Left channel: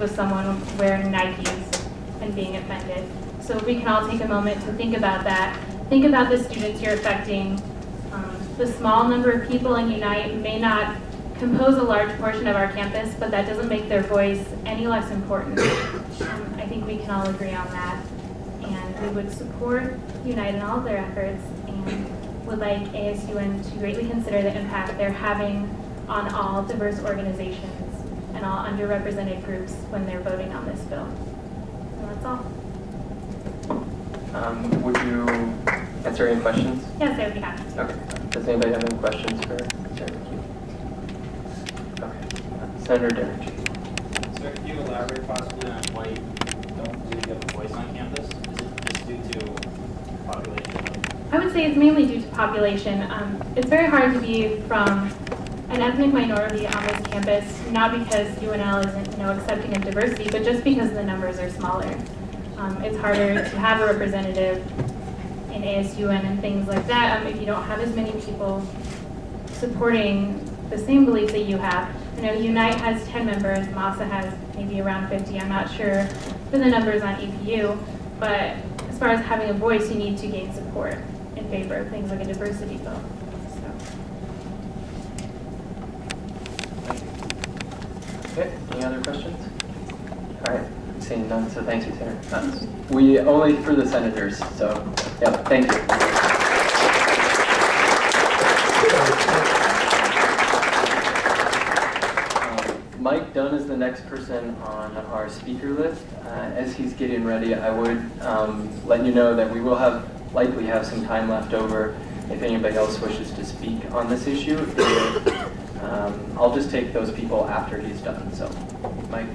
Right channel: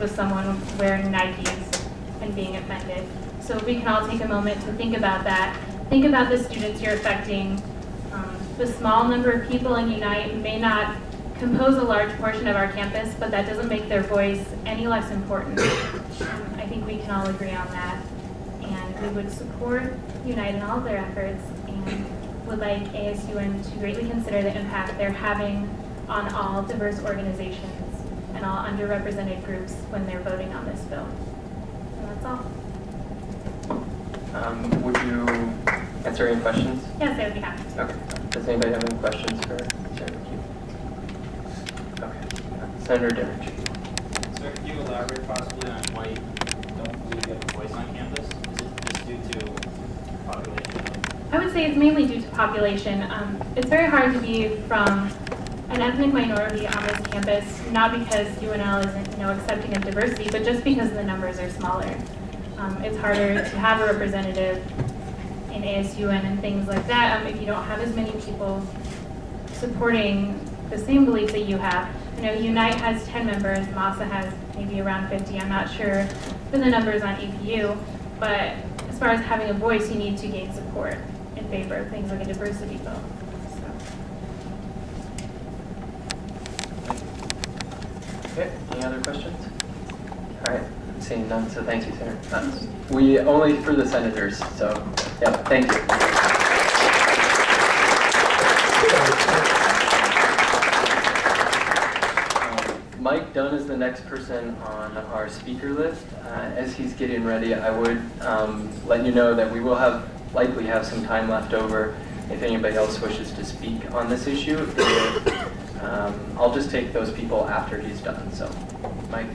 with someone wearing Nikes and being offended. So if we can all take a moment to think about that. Think about the students you're affecting. The small number of people in Unite may not compose a large portion of our campus, but that doesn't make their voice any less important. I think we can all agree on that. And we would support Unite in all of their efforts and would like ASUN to greatly consider the impact they're having on all diverse organizations and all underrepresented groups when they're voting on this bill. And that's all. Would you answer any questions? Yes, I would be happy to. Okay. Does anybody have any questions for Sarah McHugh? Okay. Senator Derrick. Sir, could you elaborate possibly on why you don't believe you have a voice on campus? Is it just due to population? I would say it's mainly due to population. It's very hard to be from an ethnic minority on this campus, not because UNL isn't accepting of diversity, but just because the numbers are smaller. It's harder to have a representative in ASUN and things like that if you don't have as many people supporting the same beliefs that you have. Unite has 10 members, MASA has maybe around 50. I'm not sure for the numbers on EPU, but as far as having a voice, you need to gain support in favor of things like a diversity bill. Okay, any other questions? All right, seeing none, so thank you, Senator. We only for the senators, so yeah, thank you. Mike Dunn is the next person on our speaker list. As he's getting ready, I would let you know that we will likely have some time left over if anybody else wishes to speak on this issue. I'll just take those people after he's done. So, Mike,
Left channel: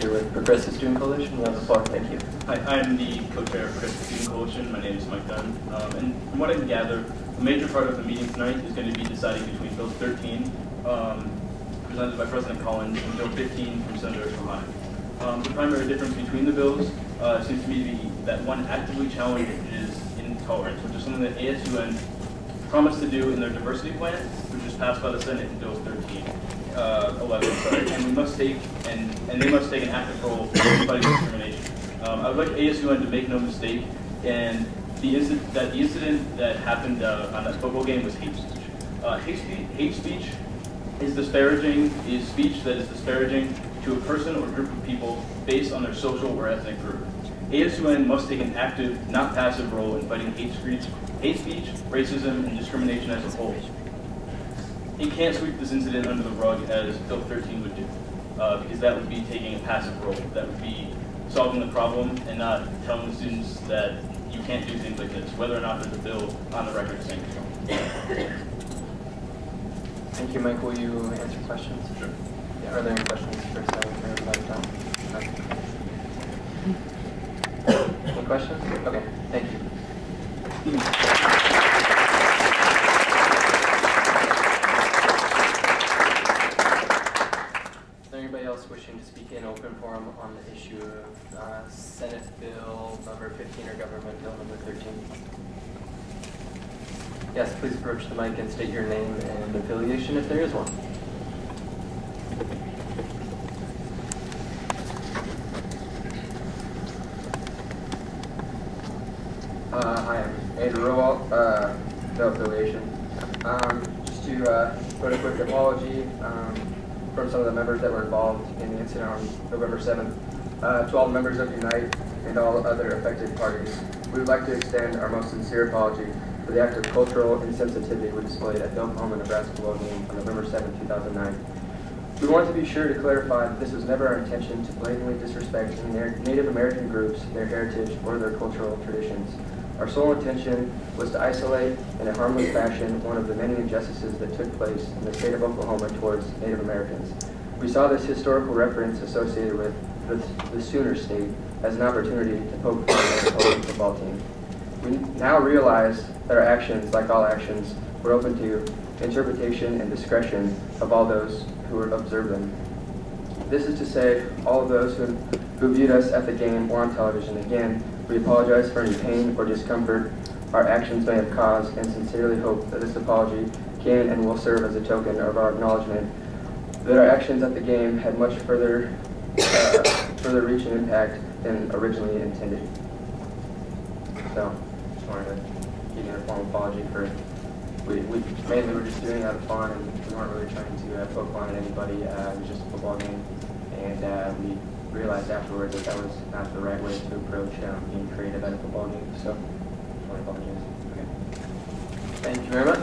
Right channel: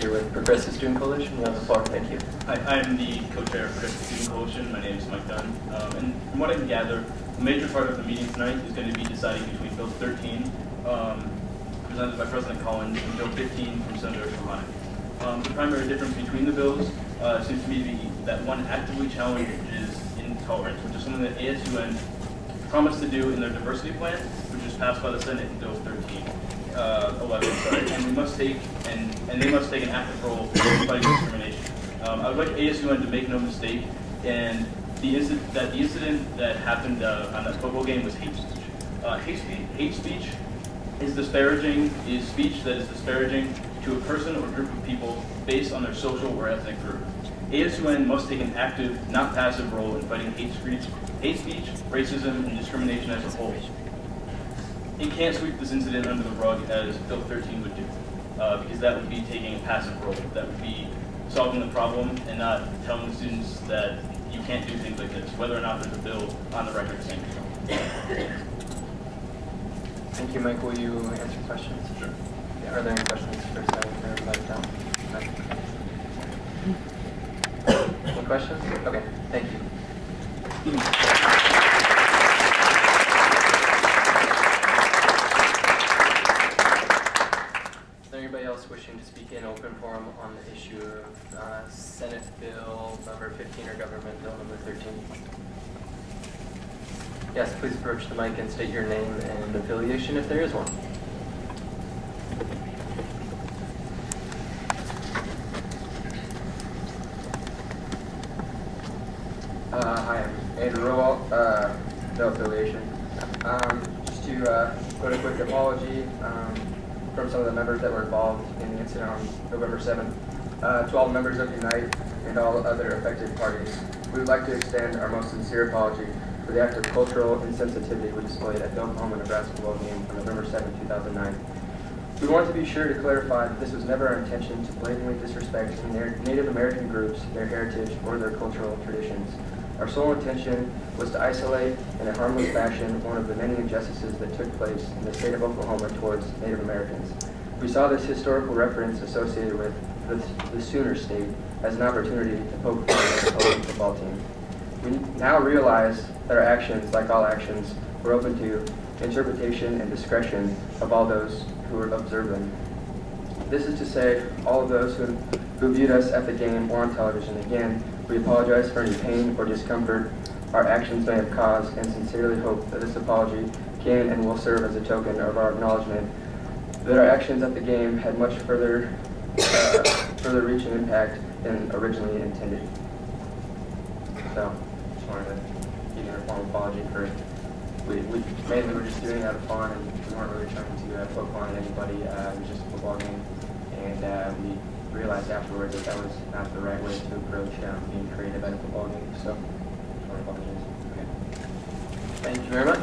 you're with Progressive Student Coalition. You have the floor. Thank you. Hi, I'm the co-chair of Progressive Student Coalition. My name is Mike Dunn. And from what I can gather, a major part of the meeting tonight is going to be deciding between Bill 13, presented by President Collins, and Bill 15 from Senator Shahani. The primary difference between the bills seems to me to be that one actively challenges intolerance, which is something that ASUN promised to do in their diversity plan, which was passed by the Senate in Bill 11, sorry, and they must take an active role in fighting discrimination. I would like ASUN to make no mistake, and the incident that happened on that football game was hate speech. Hate speech is speech that is disparaging to a person or group of people based on their social or ethnic group. ASUN must take an active, not passive role in fighting hate speech, racism, and discrimination as a whole. It can't sweep this incident under the rug as Bill 13 would do, because that would be taking a passive role. That would be solving the problem and not telling the students that you can't do things like this, whether or not there's a bill on the record saying so. Thank you, Mike. Will you answer questions? Sure. Yeah, are there any questions for Senator Mike Dunn? Any questions? Okay, thank you. Is there anybody else wishing to speak in open forum on the issue of Senate Bill number 15 or Government Bill number 13? Yes, please approach the mic and state your name and affiliation if there is one. Hi, I'm Andrew Rowalt, no affiliation. Just to put a quick apology from some of the members that were involved in the incident on November 7th. To all members of Unite and all other affected parties, we would like to extend our most sincere apology for the act of cultural insensitivity we displayed at the Oklahoma-Nebraska football game on November 7, 2009. We want to be sure to clarify that this was never our intention to blatantly disrespect any Native American groups, their heritage, or their cultural traditions. Our sole intention was to isolate in a harmless fashion one of the many injustices that took place in the state of Oklahoma towards Native Americans. We saw this historical reference associated with the Sooner State as an opportunity to poke fun at the Oklahoma football team. We now realize that our actions, like all actions, were open to interpretation and discretion of all those who observe them. This is to say, all of those who viewed us at the game or on television. Again, we apologize for any pain or discomfort our actions may have caused and sincerely hope that this apology can and will serve as a token of our acknowledgement that our actions at the game had much further further reach and impact than originally intended. So, just wanted to give you a formal apology for, we mainly were just doing it out of fun, and we weren't really trying to poke fun at anybody. It was just a football game, and we realized afterwards that that was not the right way to approach being creative at a football game. So, just want to apologize. Okay. Thank you very much.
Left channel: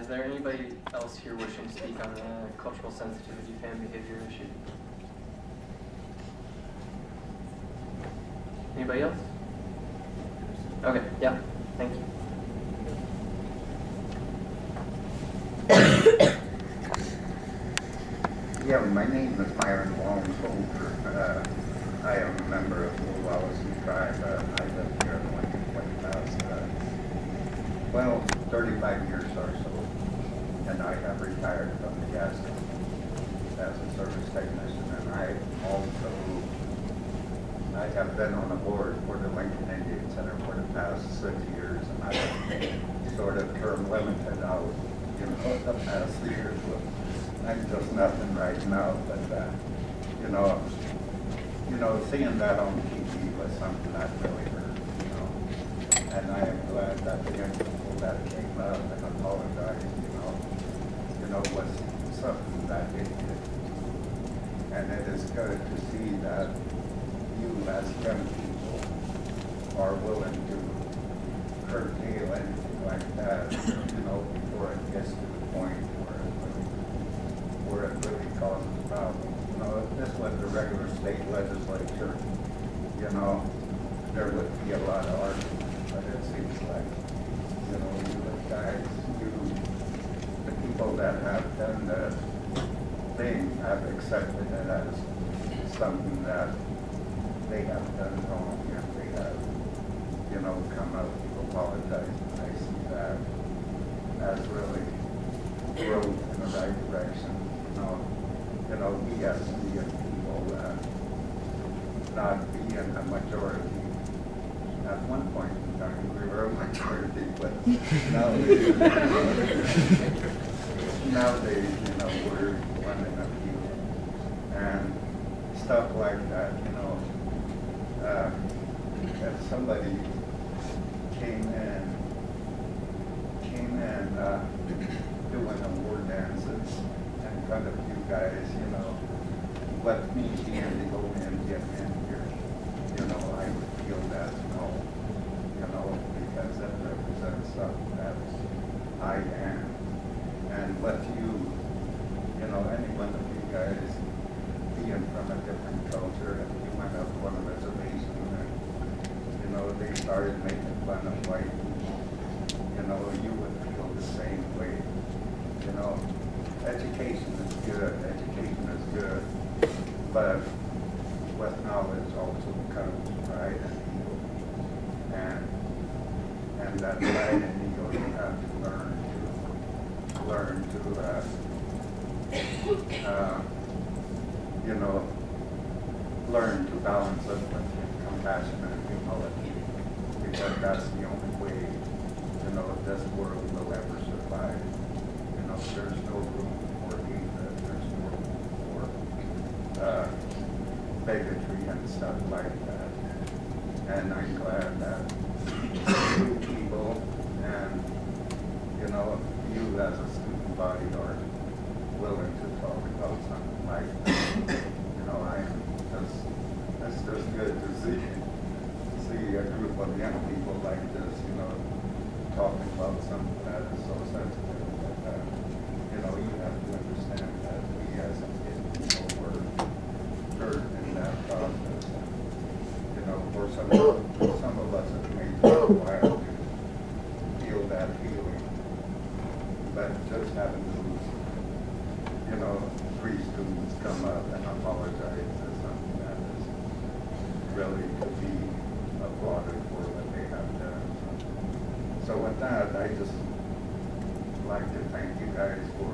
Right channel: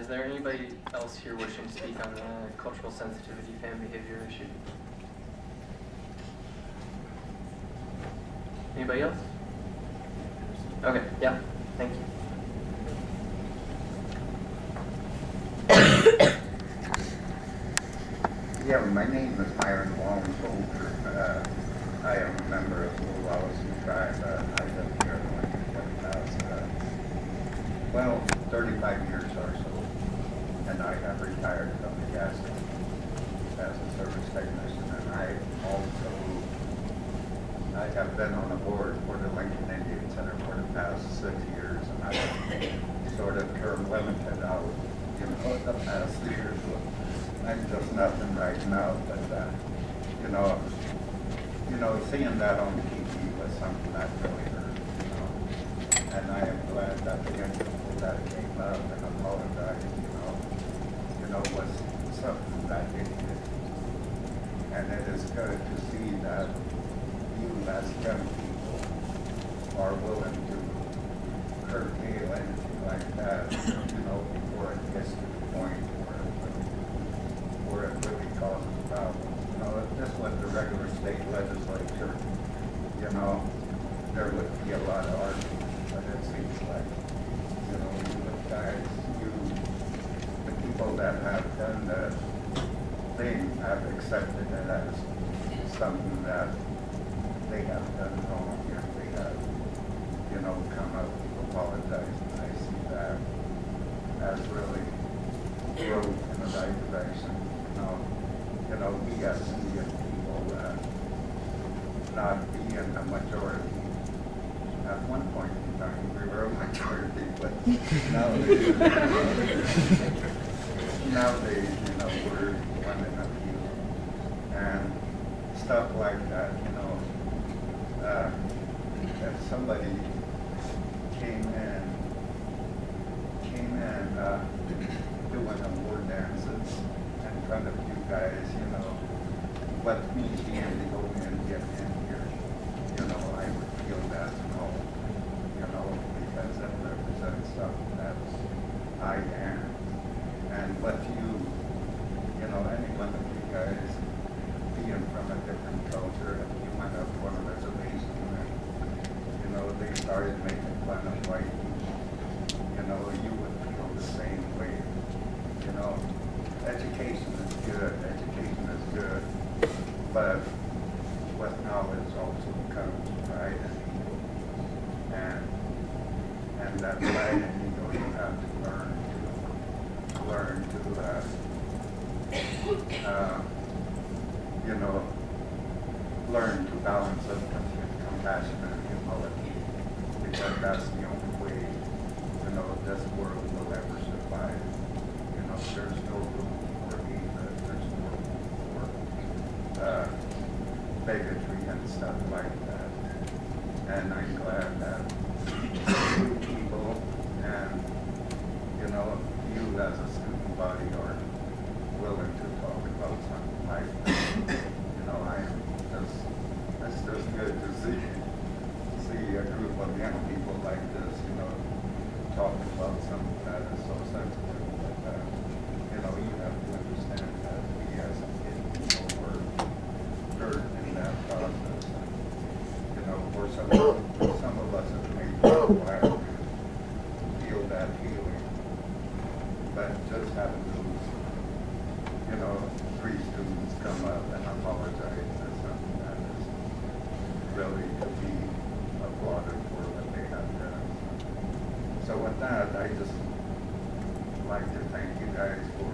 Is there anybody else here wishing to speak on the cultural sensitivity fan behavior issue? Anybody else? Okay, yeah, thank you. Yeah, my name is Myron Long. I am a member of the Wallace tribe. I live here in Lincoln for the past, 35 years or so. And I have retired from the gas company as a service technician. And I have been on the board for the Lincoln Indian Center for the past 6 years. And I've sort of term limited out, the past years. I'm just nothing right now, but seeing that on TV was something that really hurt, And I am glad that the young people that came up and apologized, was something that they did. And it is good to see that you as young people are willing to curtail anything like that, before it gets to the point where it really causes problems. If this was the regular state legislature, there would be a lot of arguments. But it seems like, you guys, the people that have done this, they have accepted it as something that they have done wrong, and they have, come out to apologize. And I see that as really growth in the right direction. We as Indian people, not being a majority. At one point in time, we were a majority, but nowadays, we're one in a few. And stuff like that, if somebody came in doing award dances in front of you guys, let me be in to go in and get in here. I would feel that's no, because that represents something that I am. And let you, any one of you guys being from a different culture, if you went up on a reservation and, they started making fun of white people, you would feel the same way. Education is good, but with knowledge also comes pride and ego. And that pride and ego you have to learn to learn to balance it with compassion and humility, because that's the only way, this world will ever survive. There's no room for hatred, there's no room for bigotry and stuff like that. And I'm glad that you people and, you as a student body are willing to talk about something like that. It's just good to see a group of young people like this, talking about something that is so sensitive. But, you have to understand that we as a people were hurt in that process. And, for some of us it may take a while to feel that feeling. But just having those, 3 students come up and apologize is something that is really to be applauded for what they have done. So with that, I just like to thank you guys for